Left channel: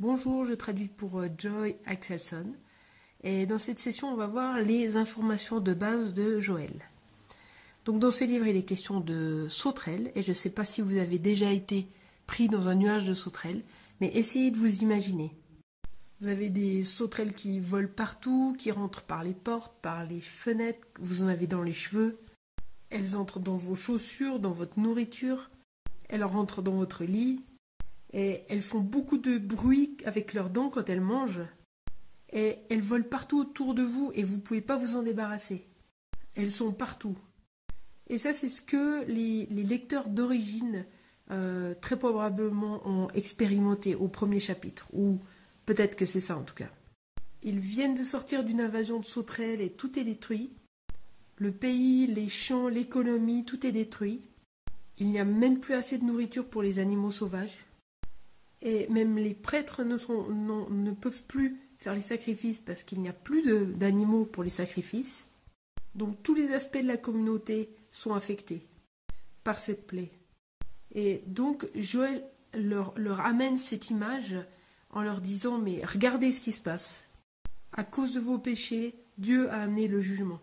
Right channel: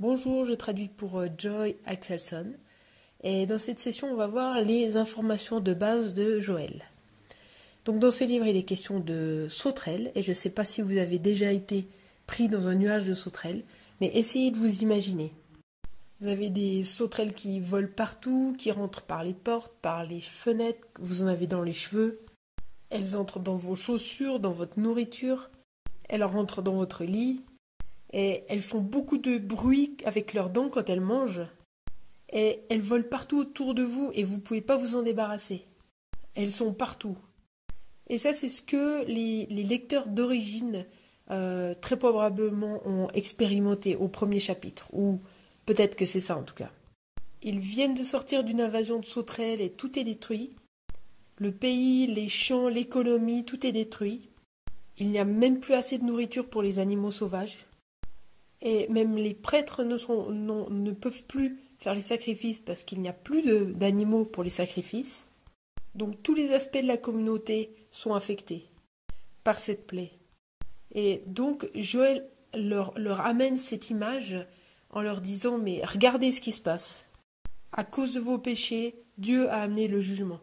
Bonjour, je traduis pour Joy Axelson. Et dans cette session, on va voir les informations de base de Joël. Donc dans ce livre, il est question de sauterelles. Et je ne sais pas si vous avez déjà été pris dans un nuage de sauterelles, mais essayez de vous imaginer. Vous avez des sauterelles qui volent partout, qui rentrent par les portes, par les fenêtres, vous en avez dans les cheveux. Elles entrent dans vos chaussures, dans votre nourriture. Elles rentrent dans votre lit. Et elles font beaucoup de bruit avec leurs dents quand elles mangent. Et elles volent partout autour de vous et vous ne pouvez pas vous en débarrasser. Elles sont partout. Et ça, c'est ce que les lecteurs d'origine très probablement ont expérimenté au premier chapitre. Ou peut-être que c'est ça en tout cas. Ils viennent de sortir d'une invasion de sauterelles et tout est détruit. Le pays, les champs, l'économie, tout est détruit. Il n'y a même plus assez de nourriture pour les animaux sauvages. Et même les prêtres ne peuvent plus faire les sacrifices parce qu'il n'y a plus d'animaux pour les sacrifices. Donc tous les aspects de la communauté sont affectés par cette plaie. Et donc Joël leur amène cette image en leur disant « Mais regardez ce qui se passe. À cause de vos péchés, Dieu a amené le jugement.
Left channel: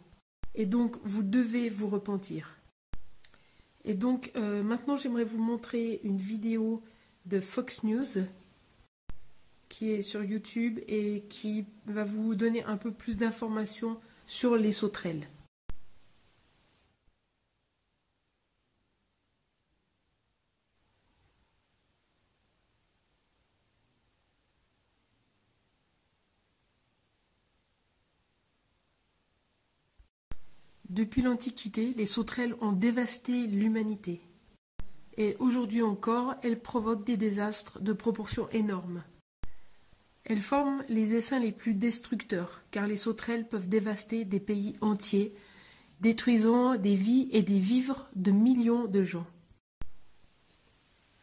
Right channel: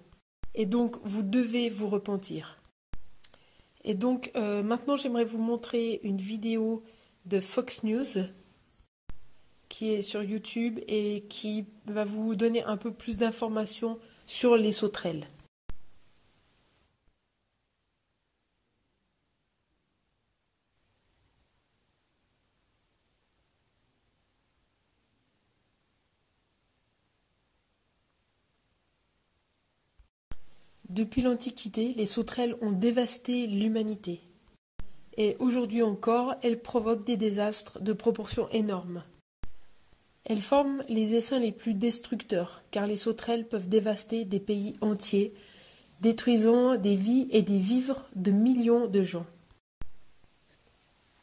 Et donc vous devez vous repentir. » Et donc maintenant j'aimerais vous montrer une vidéo de Fox News qui est sur YouTube et qui va vous donner un peu plus d'informations sur les sauterelles. Depuis l'Antiquité, les sauterelles ont dévasté l'humanité. Et aujourd'hui encore, elles provoquent des désastres de proportions énormes. Elles forment les essaims les plus destructeurs, car les sauterelles peuvent dévaster des pays entiers, détruisant des vies et des vivres de millions de gens.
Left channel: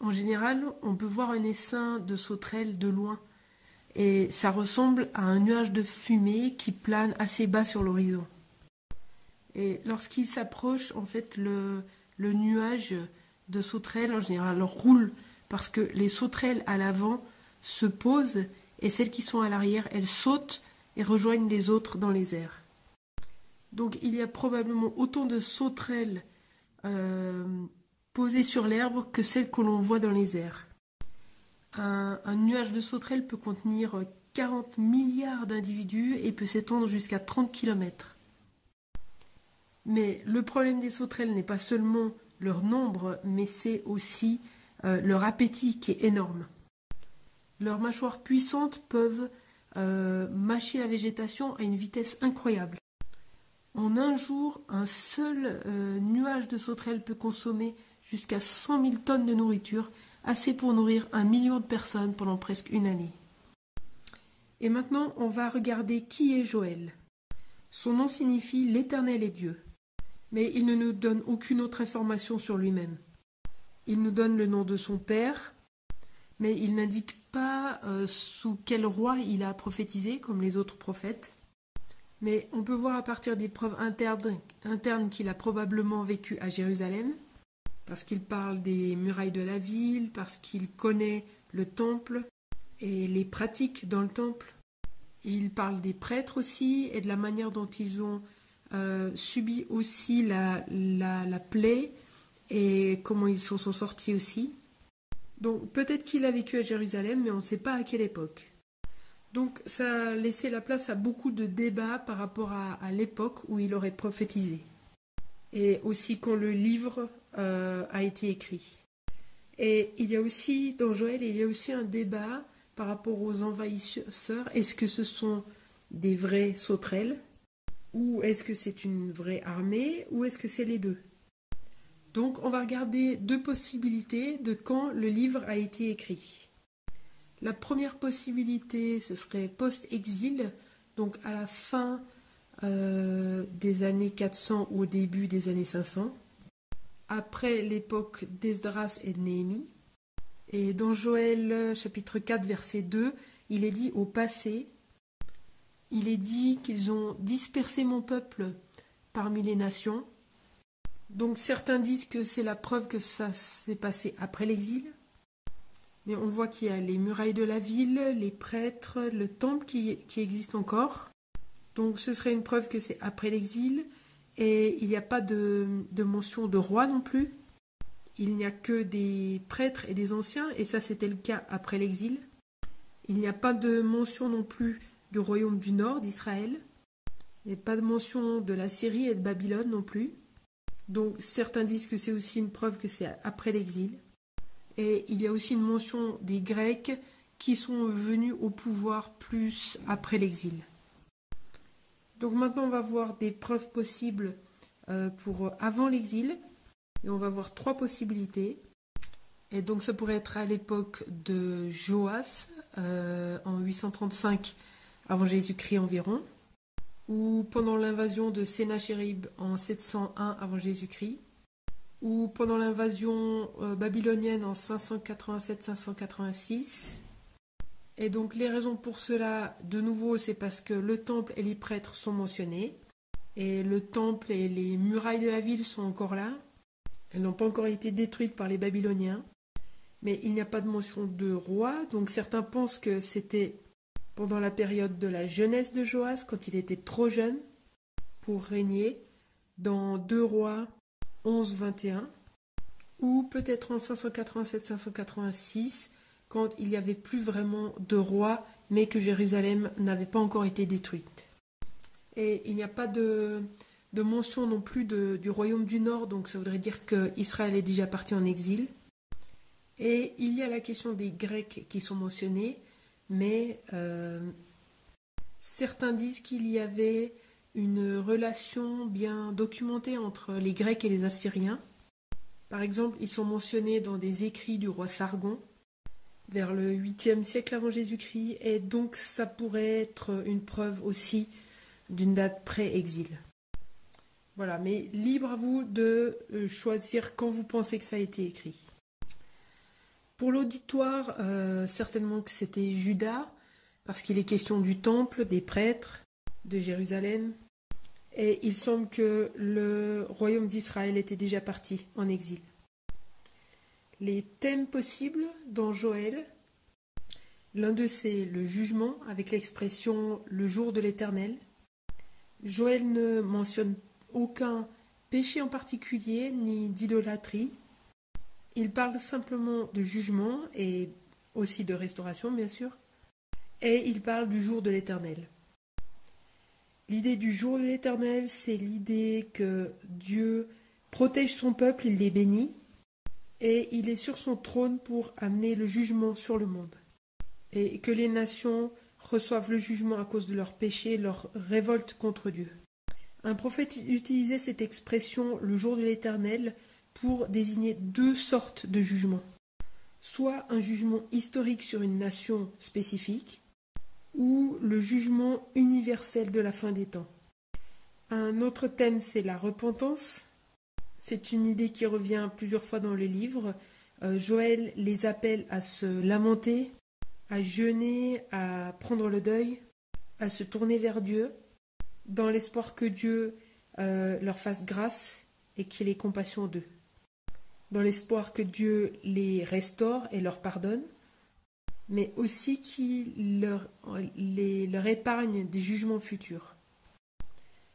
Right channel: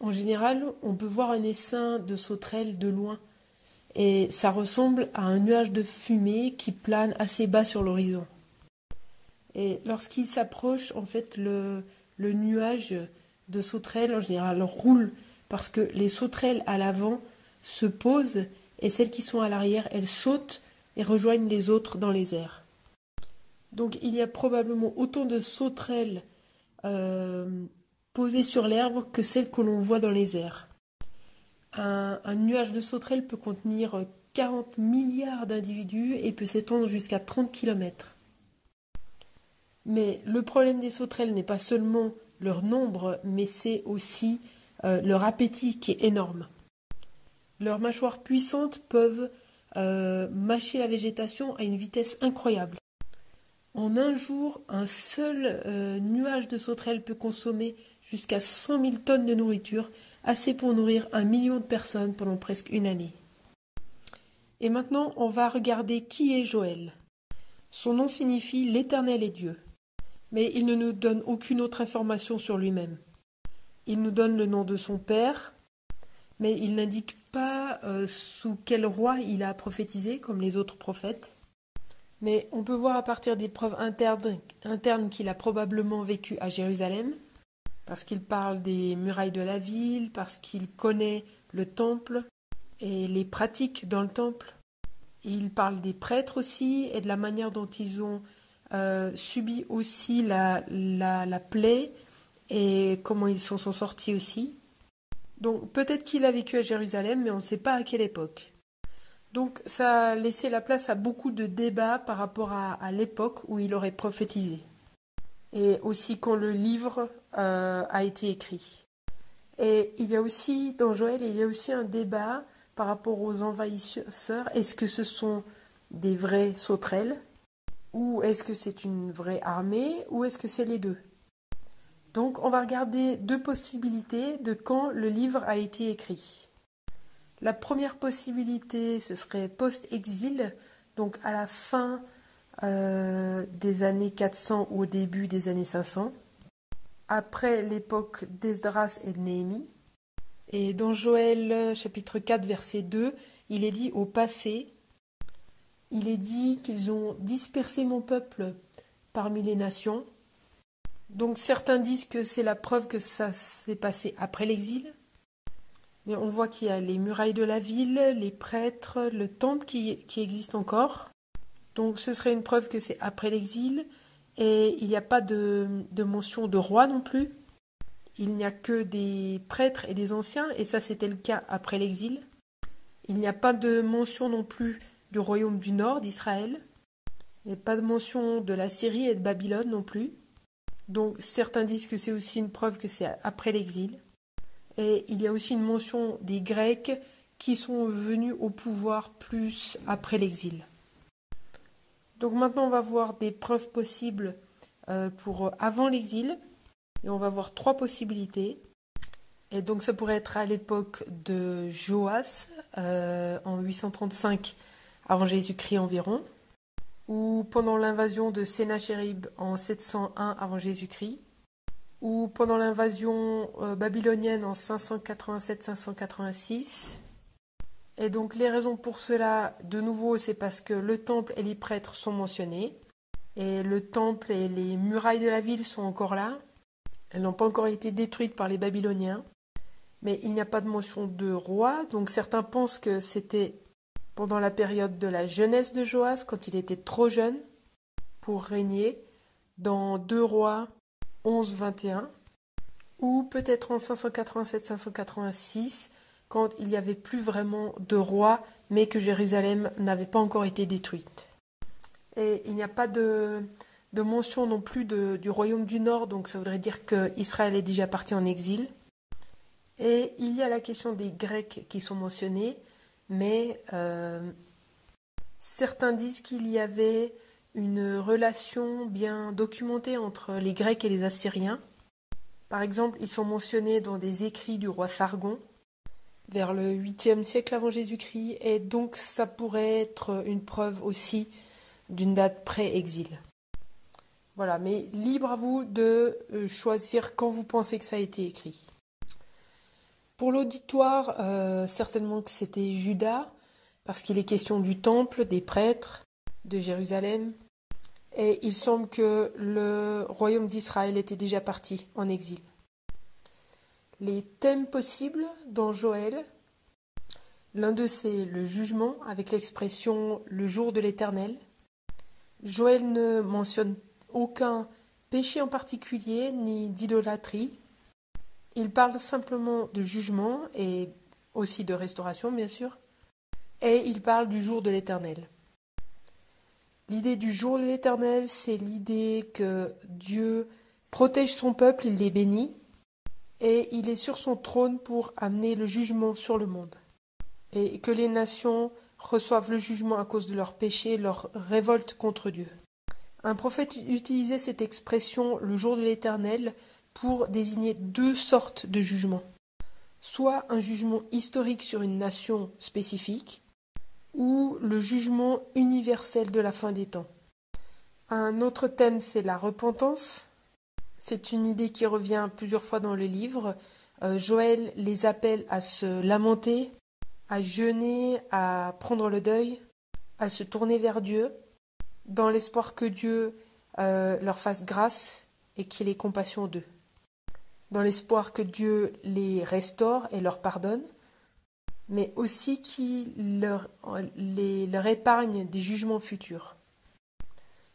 En général, on peut voir un essaim de sauterelles de loin, et ça ressemble à un nuage de fumée qui plane assez bas sur l'horizon. Et lorsqu'il s'approche, en fait, le nuage de sauterelles, en général, roule parce que les sauterelles à l'avant se posent et celles qui sont à l'arrière, elles sautent et rejoignent les autres dans les airs. Donc il y a probablement autant de sauterelles posées sur l'herbe que celles que l'on voit dans les airs. Un nuage de sauterelles peut contenir 40 milliards d'individus et peut s'étendre jusqu'à 30 km. Mais le problème des sauterelles n'est pas seulement leur nombre, mais c'est aussi leur appétit qui est énorme. Leurs mâchoires puissantes peuvent mâcher la végétation à une vitesse incroyable. En un jour, un seul nuage de sauterelles peut consommer jusqu'à 100 000 tonnes de nourriture, assez pour nourrir 1 million de personnes pendant presque une année. Et maintenant, on va regarder qui est Joël. Son nom signifie « l'Éternel est Dieu ». Mais il ne nous donne aucune autre information sur lui-même. Il nous donne le nom de son père, mais il n'indique pas sous quel roi il a prophétisé, comme les autres prophètes. Mais on peut voir à partir des preuves internes qu'il a probablement vécu à Jérusalem, parce qu'il parle des murailles de la ville, parce qu'il connaît le temple et les pratiques dans le temple. Il parle des prêtres aussi et de la manière dont ils ont subi aussi la plaie et comment ils s'en sont sortis aussi. Donc peut-être qu'il a vécu à Jérusalem, mais on ne sait pas à quelle époque. Donc ça a laissé la place à beaucoup de débats par rapport à l'époque où il aurait prophétisé. Et aussi quand le livre a été écrit. Et il y a aussi, dans Joël, il y a aussi un débat par rapport aux envahisseurs. Est-ce que ce sont des vraies sauterelles ? Ou est-ce que c'est une vraie armée, ou est-ce que c'est les deux? Donc on va regarder deux possibilités de quand le livre a été écrit. La première possibilité, ce serait post-exil, donc à la fin des années 400 ou au début des années 500, après l'époque d'Esdras et de Néhémie. Et dans Joël chapitre 4, verset 2, il est dit au passé, il est dit qu'ils ont dispersé mon peuple parmi les nations. Donc certains disent que c'est la preuve que ça s'est passé après l'exil. Mais on voit qu'il y a les murailles de la ville, les prêtres, le temple qui existe encore. Donc ce serait une preuve que c'est après l'exil. Et il n'y a pas de mention de roi non plus. Il n'y a que des prêtres et des anciens, et ça c'était le cas après l'exil. Il n'y a pas de mention non plus du royaume du nord d'Israël. Il n'y a pas de mention de la Syrie et de Babylone non plus. Donc certains disent que c'est aussi une preuve que c'est après l'exil. Et il y a aussi une mention des Grecs qui sont venus au pouvoir plus après l'exil. Donc maintenant on va voir des preuves possibles pour avant l'exil. Et on va voir 3 possibilités. Et donc ça pourrait être à l'époque de Joas, en 835 avant Jésus-Christ environ, ou pendant l'invasion de Sennachérib en 701 avant Jésus-Christ, ou pendant l'invasion babylonienne en 587-586. Et donc les raisons pour cela, de nouveau, c'est parce que le temple et les prêtres sont mentionnés, et le temple et les murailles de la ville sont encore là. Elles n'ont pas encore été détruites par les Babyloniens, mais il n'y a pas de mention de roi, donc certains pensent que c'était pendant la période de la jeunesse de Joas, quand il était trop jeune pour régner, dans 2 Rois 11-21, ou peut-être en 587-586, quand il n'y avait plus vraiment de roi, mais que Jérusalem n'avait pas encore été détruite. Et il n'y a pas de mention non plus du royaume du Nord, donc ça voudrait dire qu'Israël est déjà parti en exil. Et il y a la question des Grecs qui sont mentionnés, mais certains disent qu'il y avait une relation bien documentée entre les Grecs et les Assyriens. Par exemple, ils sont mentionnés dans des écrits du roi Sargon, vers le 8e siècle avant Jésus-Christ, et donc ça pourrait être une preuve aussi d'une date pré-exil. Voilà, mais libre à vous de choisir quand vous pensez que ça a été écrit. Pour l'auditoire, certainement que c'était Juda, parce qu'il est question du temple, des prêtres, de Jérusalem. Et il semble que le royaume d'Israël était déjà parti en exil. Les thèmes possibles dans Joël, l'un d'eux c'est le jugement, avec l'expression « le jour de l'Éternel ». Joël ne mentionne aucun péché en particulier, ni d'idolâtrie. Il parle simplement de jugement et aussi de restauration, bien sûr. Et il parle du jour de l'Éternel. L'idée du jour de l'Éternel, c'est l'idée que Dieu protège son peuple, il les bénit, et il est sur son trône pour amener le jugement sur le monde. Et que les nations reçoivent le jugement à cause de leurs péchés, leur révolte contre Dieu. Un prophète utilisait cette expression, le jour de l'Éternel, pour désigner 2 sortes de jugements. Soit un jugement historique sur une nation spécifique, ou le jugement universel de la fin des temps. Un autre thème, c'est la repentance. C'est une idée qui revient plusieurs fois dans le livre. Joël les appelle à se lamenter, à jeûner, à prendre le deuil, à se tourner vers Dieu, dans l'espoir que Dieu leur fasse grâce et qu'il ait compassion d'eux. Dans l'espoir que Dieu les restaure et leur pardonne, mais aussi qu'il leur épargne des jugements futurs.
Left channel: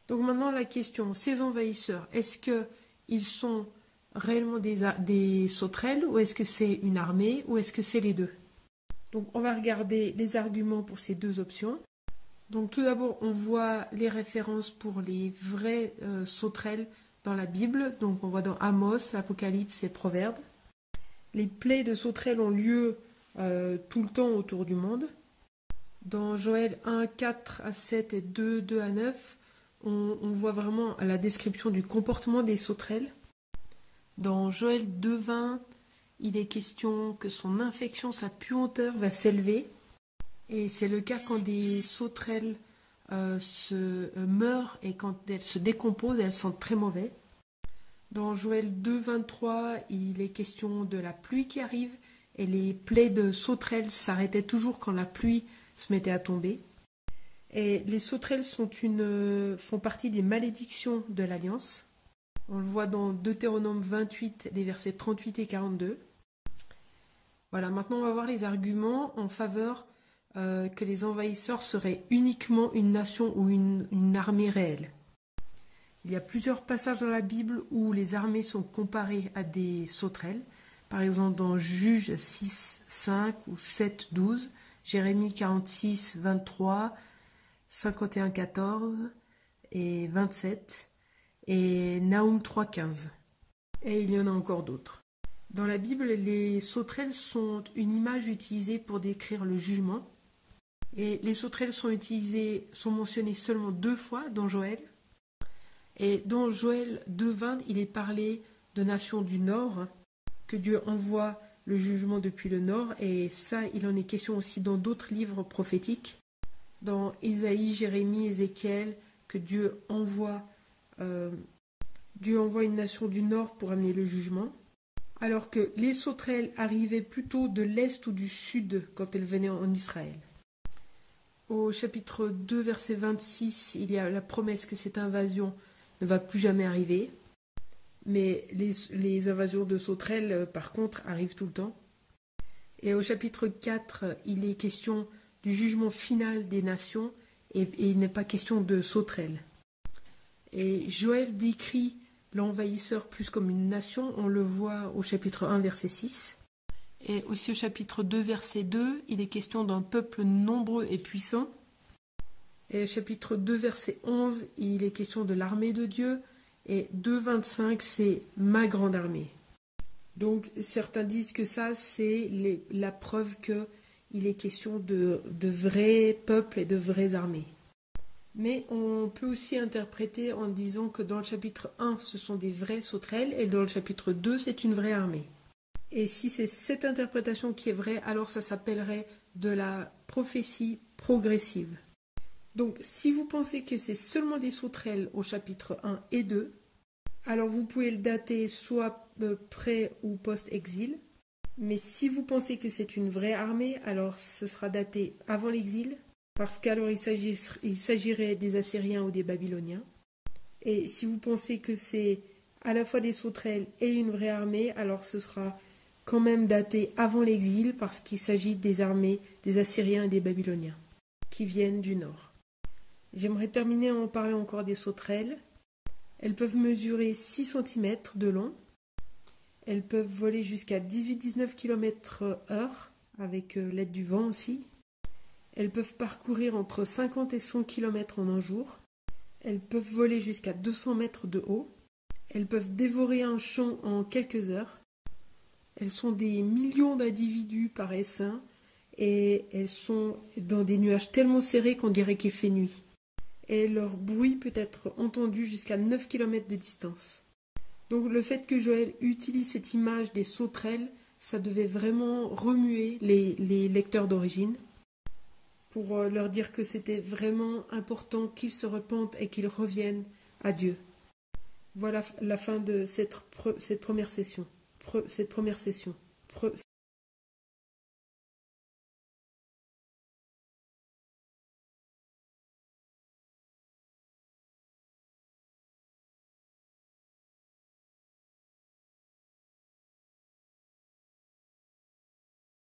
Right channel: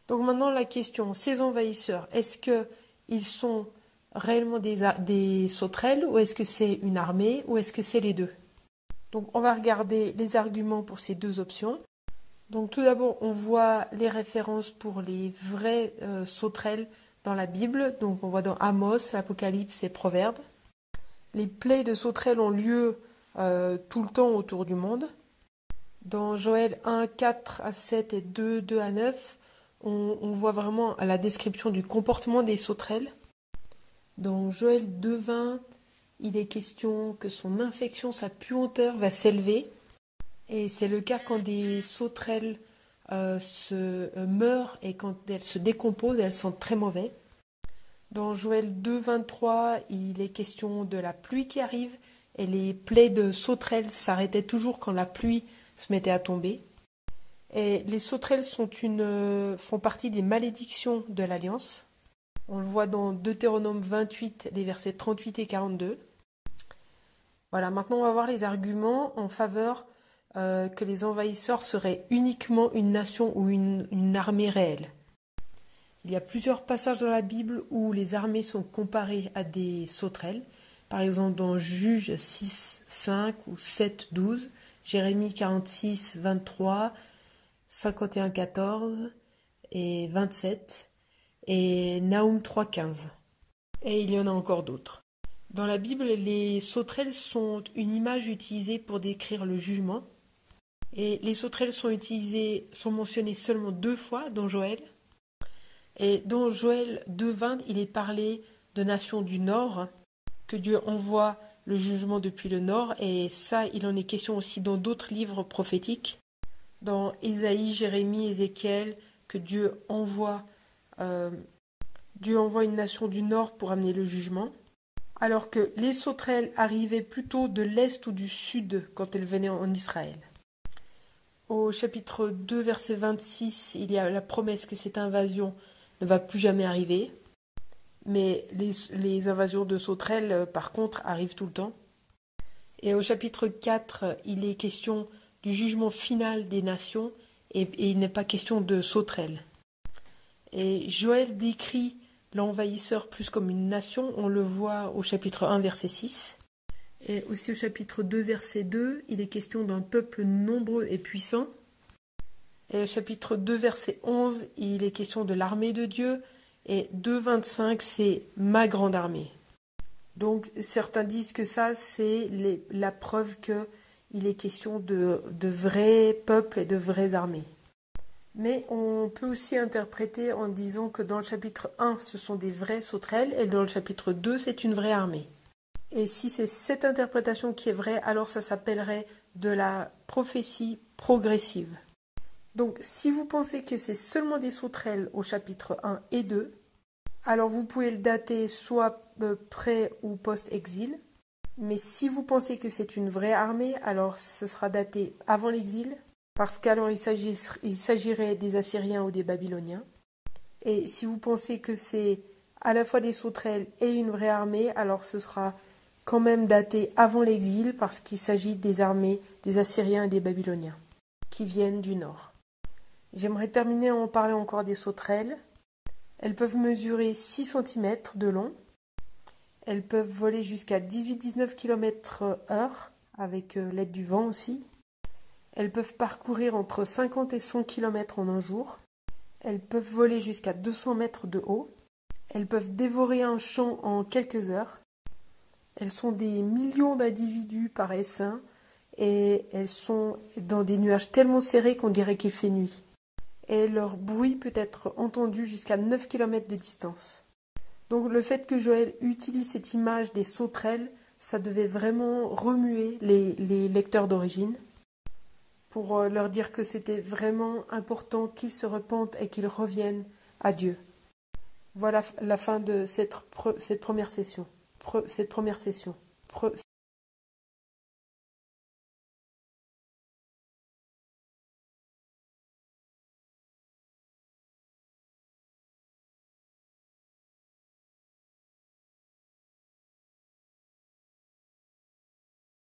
Donc maintenant la question, ces envahisseurs, est-ce qu'ils sont réellement des sauterelles ou est-ce que c'est une armée ou est-ce que c'est les deux? Donc on va regarder les arguments pour ces 2 options. Donc tout d'abord on voit les références pour les vraies sauterelles dans la Bible. Donc on voit dans Amos, l'Apocalypse et Proverbes. Les plaies de sauterelles ont lieu tout le temps autour du monde. Dans Joël 1, 4 à 7 et 2, 2 à 9, on voit vraiment la description du comportement des sauterelles. Dans Joël 2, 20, il est question que son infection, sa puanteur va s'élever. Et c'est le cas quand des sauterelles meurent et quand elles se décomposent, elles sentent très mauvais. Dans Joël 2, 23, il est question de la pluie qui arrive. Et les plaies de sauterelles s'arrêtaient toujours quand la pluie se mettait à tomber. Et les sauterelles font partie des malédictions de l'Alliance. On le voit dans Deutéronome 28, les versets 38 et 42. Voilà, maintenant on va voir les arguments en faveur que les envahisseurs seraient uniquement une nation ou une armée réelle. Il y a plusieurs passages dans la Bible où les armées sont comparées à des sauterelles. Par exemple dans Juges 6, 5 ou 7, 12, Jérémie 46, 23, 51, 14 et 27 et Naoum 3, 15. Et il y en a encore d'autres. Dans la Bible, les sauterelles sont une image utilisée pour décrire le jugement. Et les sauterelles sont mentionnées seulement 2 fois dans Joël. Et dans Joël 2,20, il est parlé de nations du Nord, que Dieu envoie le jugement depuis le Nord. Et ça, il en est question aussi dans d'autres livres prophétiques. Dans Ésaïe, Jérémie, Ézéchiel, que Dieu envoie une nation du Nord pour amener le jugement. Alors que les sauterelles arrivaient plutôt de l'Est ou du Sud quand elles venaient en Israël. Au chapitre 2, verset 26, il y a la promesse que cette invasion ne va plus jamais arriver. Mais les invasions de sauterelles, par contre, arrivent tout le temps. Et au chapitre 4, il est question du jugement final des nations et il n'est pas question de sauterelles. Et Joël décrit l'envahisseur plus comme une nation, on le voit au chapitre 1, verset 6. Et aussi au chapitre 2, verset 2, il est question d'un peuple nombreux et puissant. Et au chapitre 2, verset 11, il est question de l'armée de Dieu. Et 2, 25, c'est ma grande armée. Donc certains disent que ça, c'est la preuve qu'il est question de vrais peuples et de vraies armées. Mais on peut aussi interpréter en disant que dans le chapitre 1, ce sont des vraies sauterelles, et dans le chapitre 2, c'est une vraie armée. Et si c'est cette interprétation qui est vraie, alors ça s'appellerait de la prophétie progressive. Donc si vous pensez que c'est seulement des sauterelles au chapitre 1 et 2, alors vous pouvez le dater soit pré ou post-exil. Mais si vous pensez que c'est une vraie armée, alors ce sera daté avant l'exil, parce qu'alors il s'agirait des Assyriens ou des Babyloniens. Et si vous pensez que c'est à la fois des sauterelles et une vraie armée, alors ce sera quand même daté avant l'exil, parce qu'il s'agit des armées des Assyriens et des Babyloniens, qui viennent du nord. J'aimerais terminer en parlant encore des sauterelles. Elles peuvent mesurer 6 cm de long. Elles peuvent voler jusqu'à 18-19 km/h, avec l'aide du vent aussi. Elles peuvent parcourir entre 50 et 100 km en un jour. Elles peuvent voler jusqu'à 200 mètres de haut. Elles peuvent dévorer un champ en quelques heures. Elles sont des millions d'individus par essaim et elles sont dans des nuages tellement serrés qu'on dirait qu'il fait nuit. Et leur bruit peut être entendu jusqu'à 9 km de distance. Donc le fait que Joël utilise cette image des sauterelles, ça devait vraiment remuer les lecteurs d'origine pour leur dire que c'était vraiment important qu'ils se repentent et qu'ils reviennent à Dieu. Voilà la fin de cette première session.